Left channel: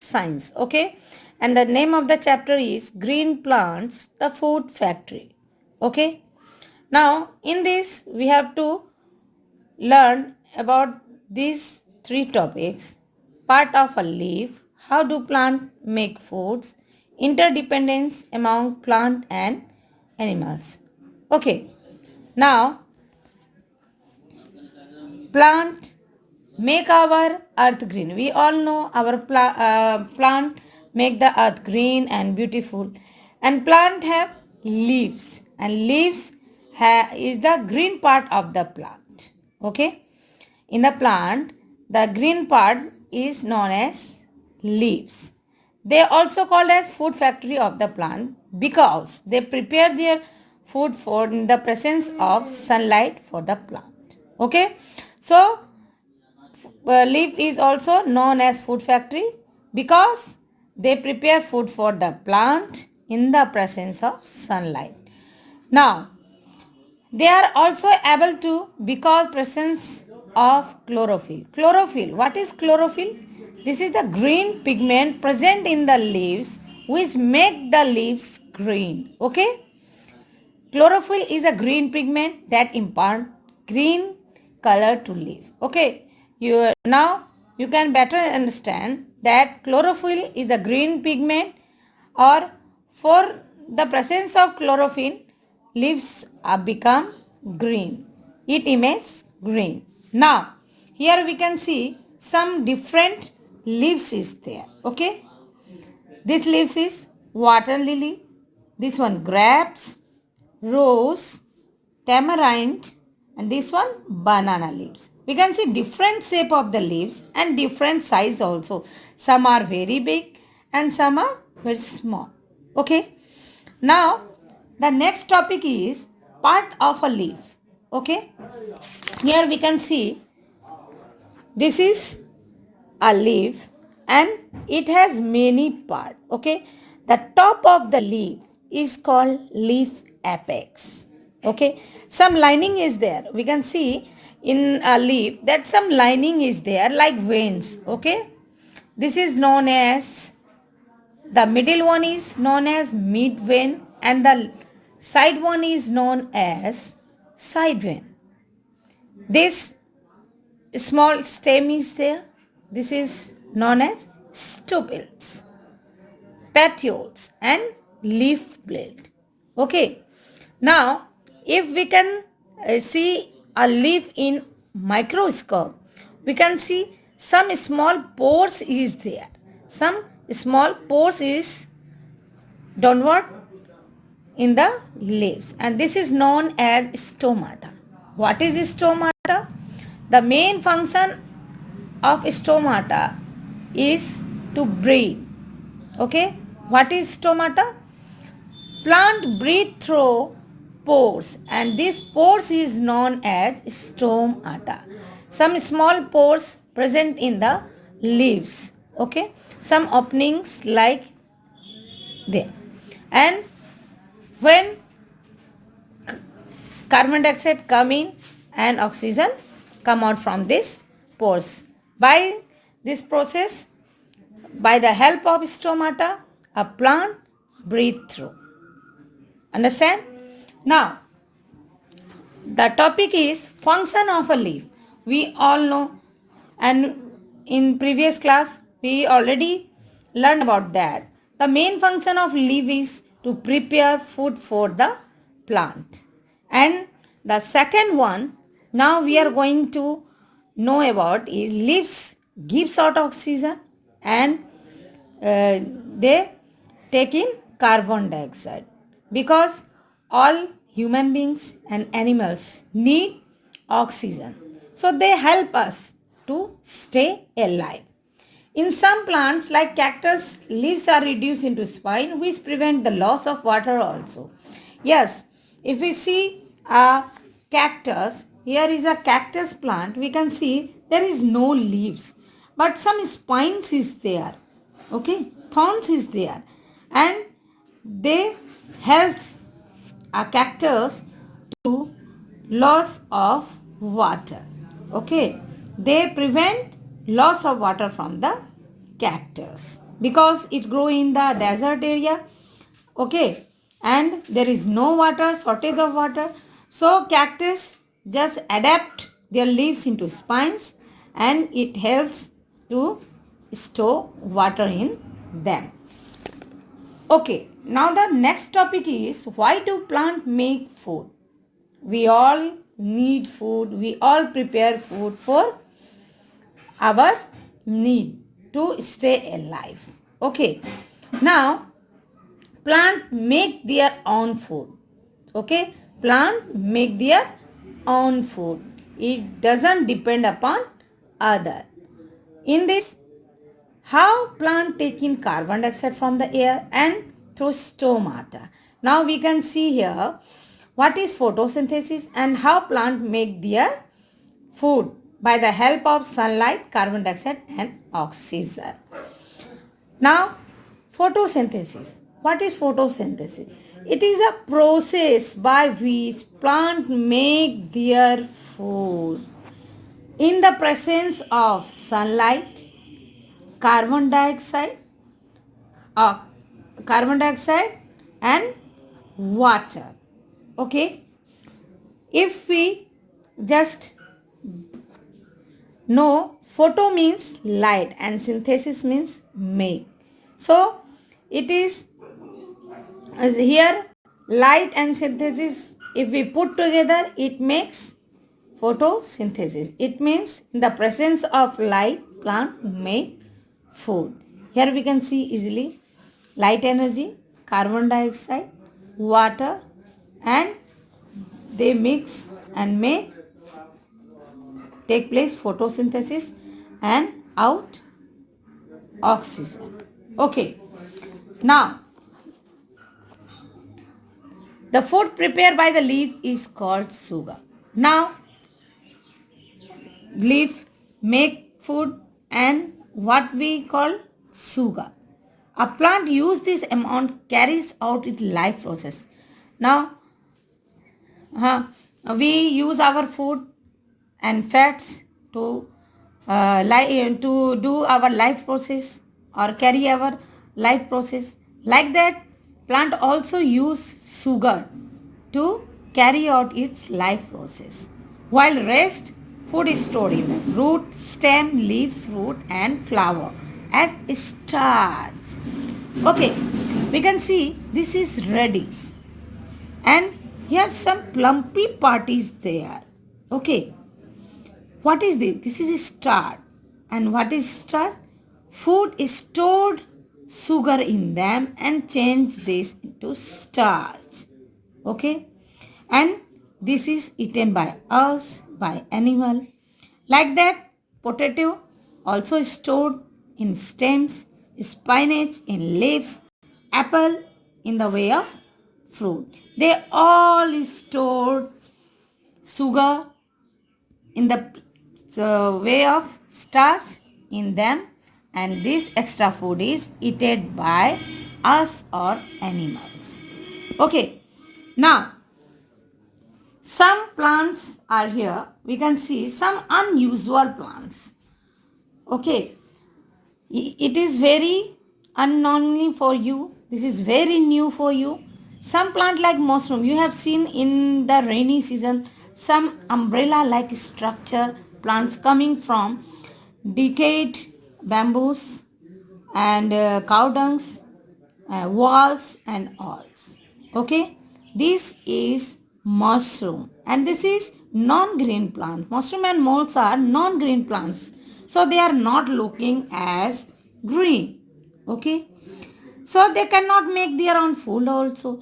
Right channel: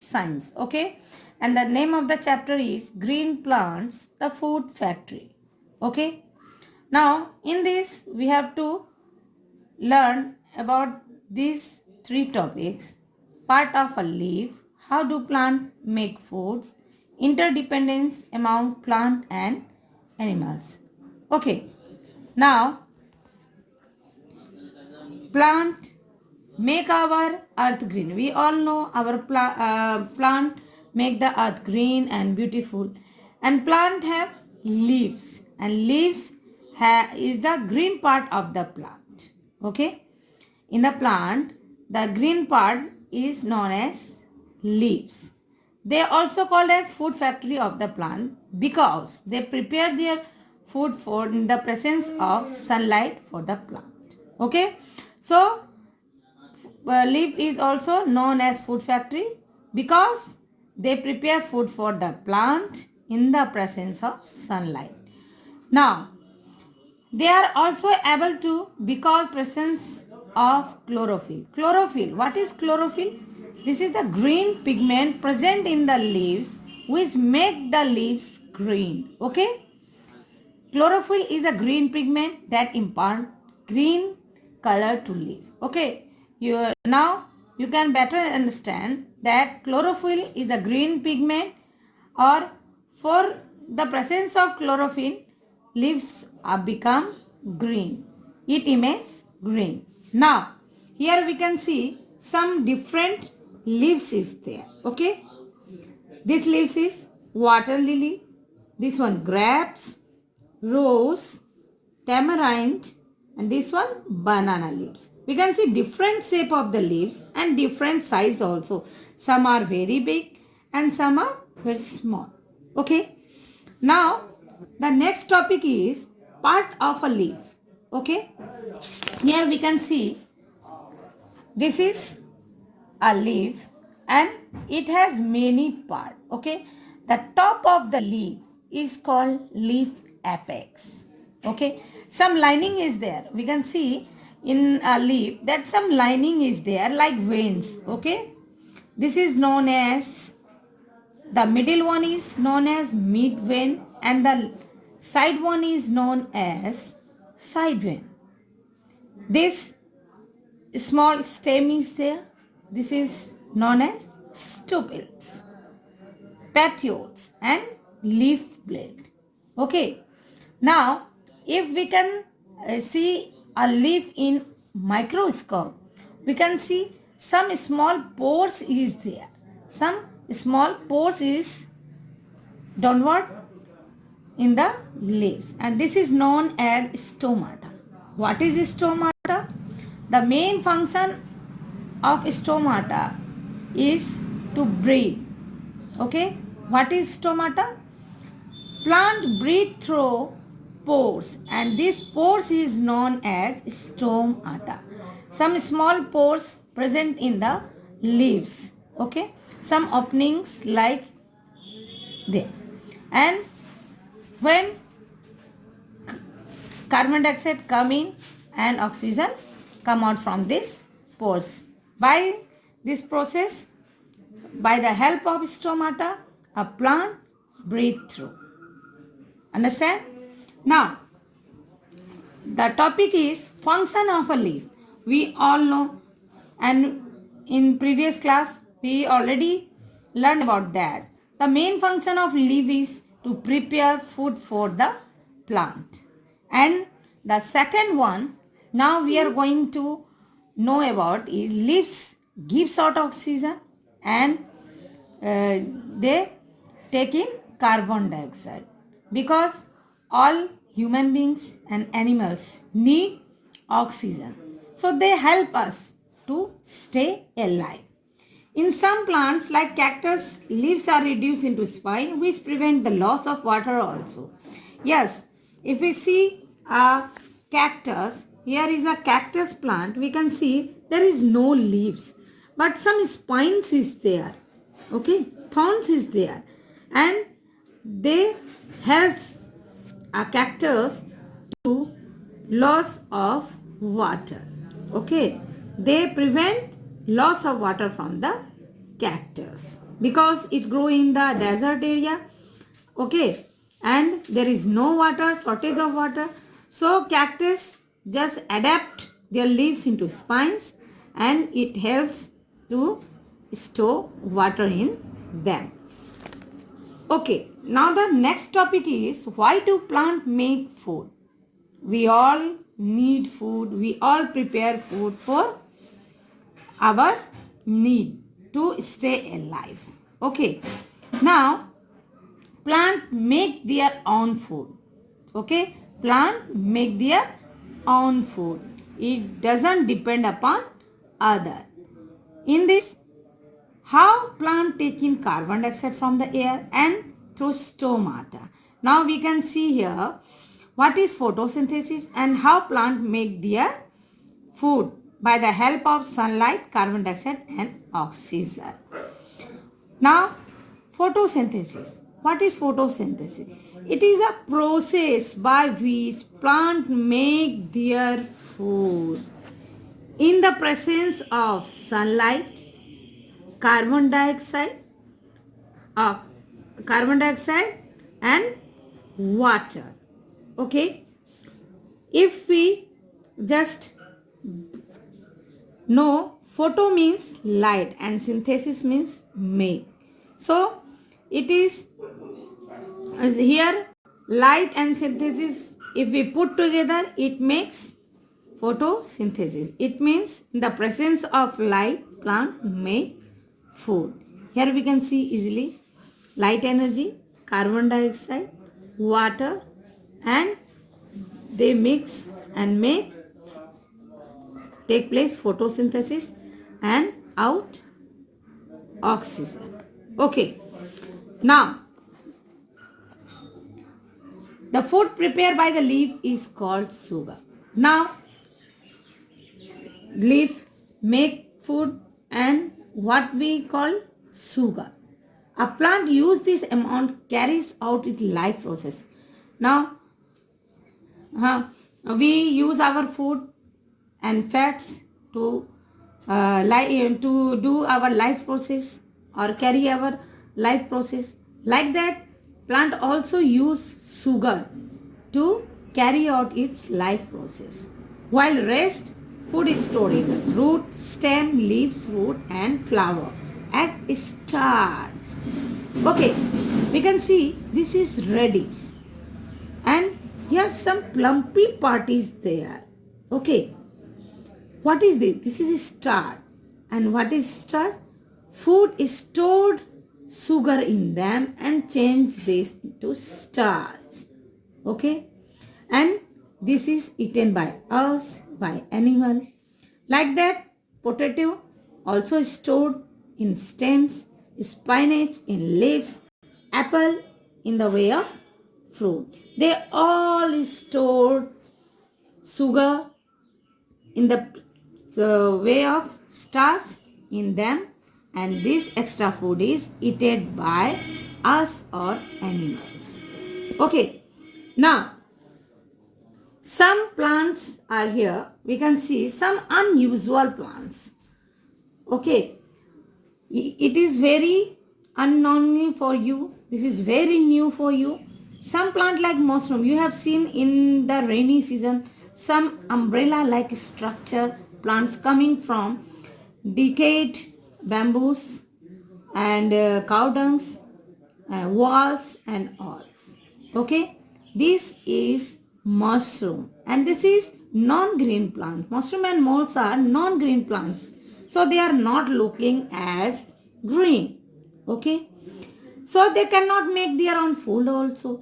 Science, okay? And the name of the chapter is Green Plants, the Food Factory, okay? Now, in this, we have to learn about these three topics: part of a leaf, how do plants make foods, interdependence among plant and animals. Okay, now plant make our earth green. We all know our plant make the earth green and beautiful, and plant have leaves, and leaves is the green part of the plant. Okay, in the plant the green part is known as leaves. They also called as food factory of the plant because they prepare their food for in the presence of sunlight for the plant. Okay, so leaf is also known as food factory because they prepare food for the plant in the presence of sunlight. Now, they are also able to because presence of chlorophyll. Chlorophyll, what is chlorophyll? This is the green pigment present in the leaves which make the leaves green. Okay? Chlorophyll is a green pigment that impart green color to leaf. Okay, now you can better understand that chlorophyll is a green pigment, or for the presence of chlorophyll, leaves are become green. It emits green. Now, here we can see some different leaves is there. Okay, this leaves is water lily. This one grapes, rose, tamarind, and this one banana leaves. We can see different shape of the leaves and different size also. Some are very big and some are very small. Okay. Now the next topic is part of a leaf. Okay. Here we can see this is a leaf and it has many parts. Okay, the top of the leaf is called leaf apex. Okay, some lining is there. We can see in a leaf that some lining is there like veins. Okay, this is known as, the middle one is known as mid vein and the side one is known as side vein. This small stem is there. This is known as stupils, petioles and leaf blade. Okay. Now, if we can see a leaf in microscope, we can see some small pores is there. Some small pores is downward in the leaves, and this is known as stomata. What is stomata? The main function of stomata is to breathe. Okay, what is stomata? Plant breathe through pores, and this pores is known as stomata. Some small pores present in the leaves. Okay, some openings like there, and when carbon dioxide come in and oxygen come out from this pores. By this process, by the help of stomata, a plant breathe through. Understand? Now, the topic is function of a leaf. We all know, and in previous class we already learned about that. The main function of leaf is to prepare food for the plant. And the second one now we are going to know about is leaves gives out oxygen and they take in carbon dioxide, because all human beings and animals need oxygen. So they help us to stay alive. In some plants like cactus, leaves are reduced into spine which prevent the loss of water also. Yes, if we see a cactus, here is a cactus plant, we can see there is no leaves but some spines is there. Okay, thorns is there, and they helps a cactus to loss of water. Okay, they prevent loss of water from the cactus because it grow in the desert area. Okay, and there is no water, shortage of water, so cactus just adapt their leaves into spines and it helps to store water in them. Okay, now the next topic is why do plants make food? We all need food, we all prepare food for our need to stay alive. Okay, now plant make their own food. Okay, plant make their own food. It doesn't depend upon other. In this, how plant take in carbon dioxide from the air and through stomata. Now we can see here what is photosynthesis and how plant make their food by the help of sunlight, carbon dioxide and oxygen. Now photosynthesis. What is photosynthesis? It is a process by which plant make their food in the presence of sunlight, carbon dioxide, uh, carbon dioxide and water. Okay, if we just know, photo means light and synthesis means make. So it is as here light and synthesis, if we put together it makes photosynthesis. It means in the presence of light plant make food. Here we can see easily light energy, carbon dioxide, water and they mix and make take place photosynthesis and out oxygen. Okay, now the food prepared by the leaf is called sugar. Now leaf make food and what we call sugar. A plant use this amount carries out its life process. Now we use our food and fats to to do our life process or carry our life process. Like that, plant also use sugar to carry out its life process. While rest, food is stored in the root, stem, leaves, root and flower as starch. Okay, we can see this is radish and here some plumpy part is there. Okay, what is this? This is starch. And what is starch? Food is stored sugar in them and change this into starch. Okay, and this is eaten by us, by animal. Like that, potato also is stored in stems, spinach in leaves, apple in the way of fruit. They all stored sugar in the way of starch in them and this extra food is eaten by us or animals. Okay, now some plants are here. We can see some unusual plants. Okay, it is very unknown for you. This is very new for you. Some plant like mushroom, you have seen in the rainy season, some umbrella like structure plants coming from decayed bamboos and cow dungs, walls and all. Okay, this is mushroom and this is non-green plant. Mushroom and molds are non-green plants, so they are not looking as green. Okay, so they cannot make their own food also.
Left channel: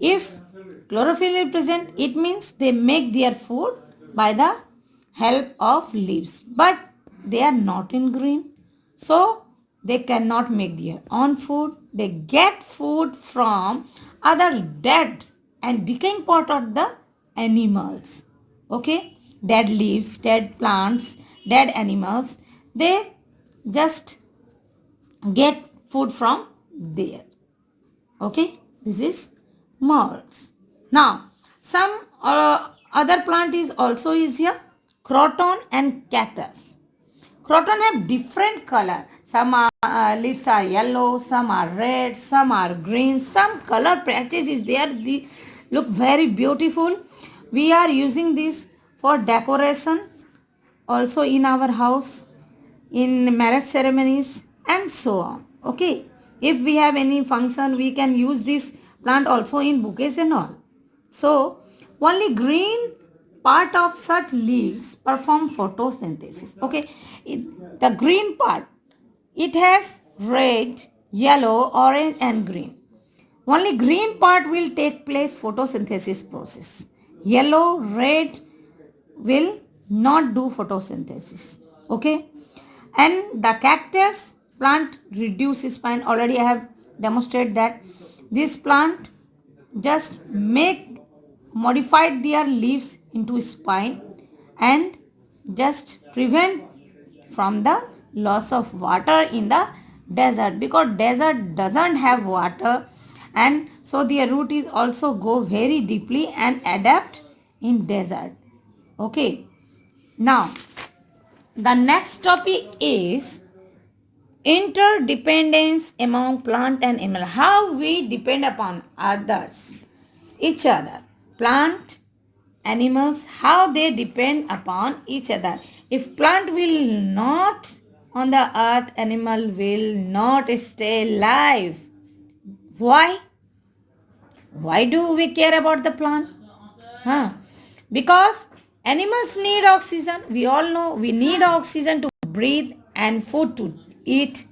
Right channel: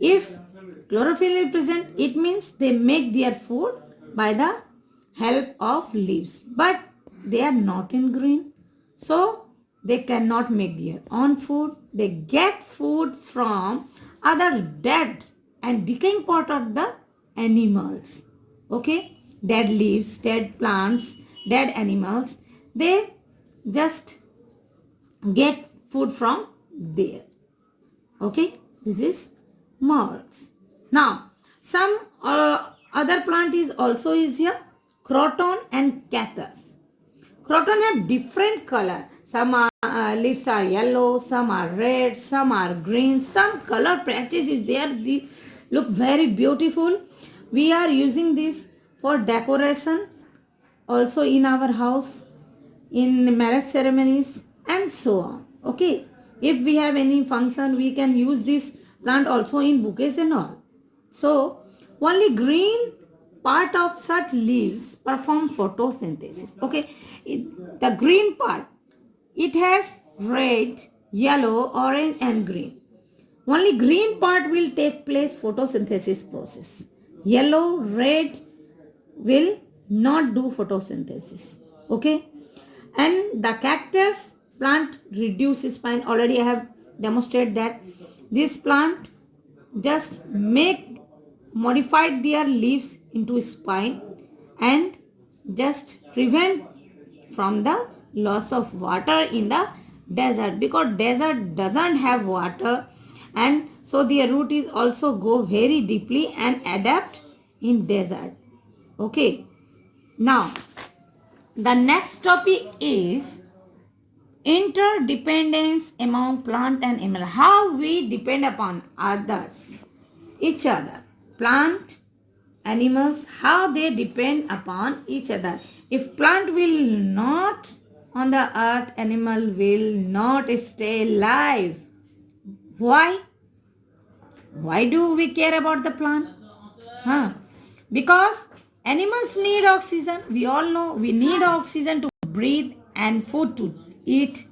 If chlorophyll is present, it means they make their food by the help of leaves, but they are not in green, so they cannot make their own food. They get food from other dead and decaying part of the animals. Okay, dead leaves, dead plants, dead animals, they just get food from there. Okay, this is molds. Now, some other plant is also is here, croton and cactus. Croton have different color. Some are, leaves are yellow, some are red, some are green, some color patches is there. They look very beautiful. We are using this for decoration also in our house, in marriage ceremonies and so on. Okay, if we have any function, we can use this plant also in bouquets and all. So only green part of such leaves perform photosynthesis. Okay, the green part, it has red, yellow, orange and green. Only green part will take place photosynthesis process. Yellow, red will not do photosynthesis. Okay, and the cactus plant reduces spine. Already I have demonstrated that this plant just make modified their leaves into spine and just prevent from the loss of water in the desert, because desert doesn't have water, and so their root is also go very deeply and adapt in desert. Okay, now the next topic is interdependence among plant and animal. How we depend upon others, each other. Plant, animals, how they depend upon each other. If plant will not on the earth, animal will not stay alive. Why? Why do we care about the plant? Because animals need oxygen. We all know we need oxygen to breathe and food to eat.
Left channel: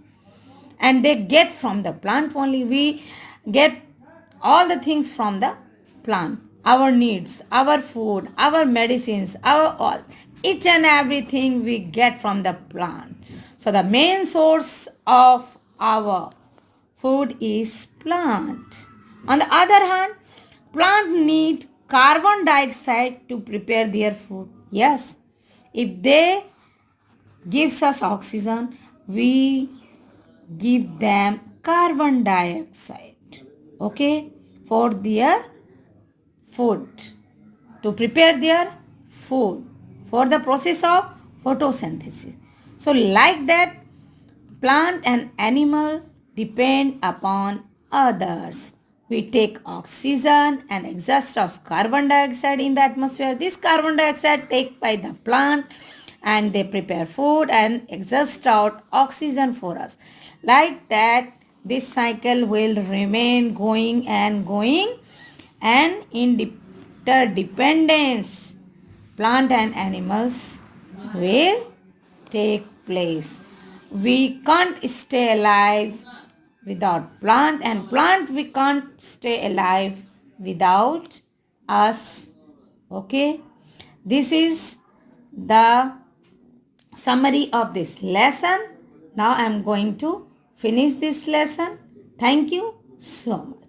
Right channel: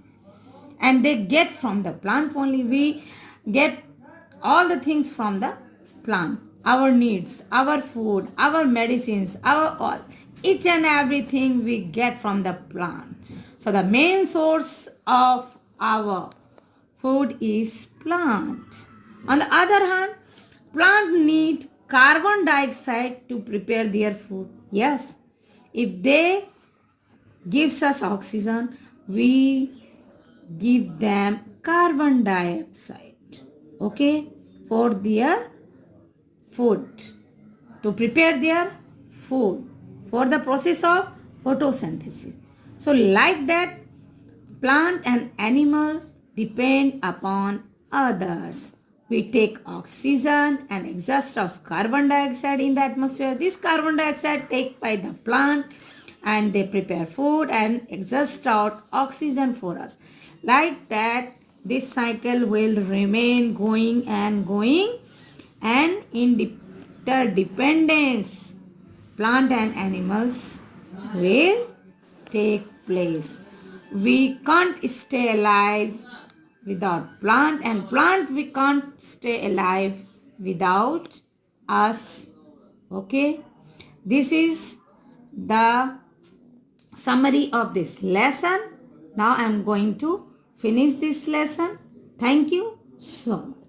And they get from the plant only. We get all the things from the plant. Our needs, our food, our medicines, our all. Each and everything we get from the plant. So the main source of our food is plant. On the other hand, plant need carbon dioxide to prepare their food. Yes, if they gives us oxygen, we give them carbon dioxide. Okay, for their food, to prepare their food for the process of photosynthesis. So like that, plant and animal depend upon others. We take oxygen and exhaust of carbon dioxide in the atmosphere. This carbon dioxide taken by the plant and they prepare food and exhaust out oxygen for us. Like that, this cycle will remain going and going, and interdependence plant and animals will take place. We can't stay alive without plant, and plant we can't stay alive without us. Okay, this is the summary of this lesson. Now I am going to finish this lesson. Thank you so much.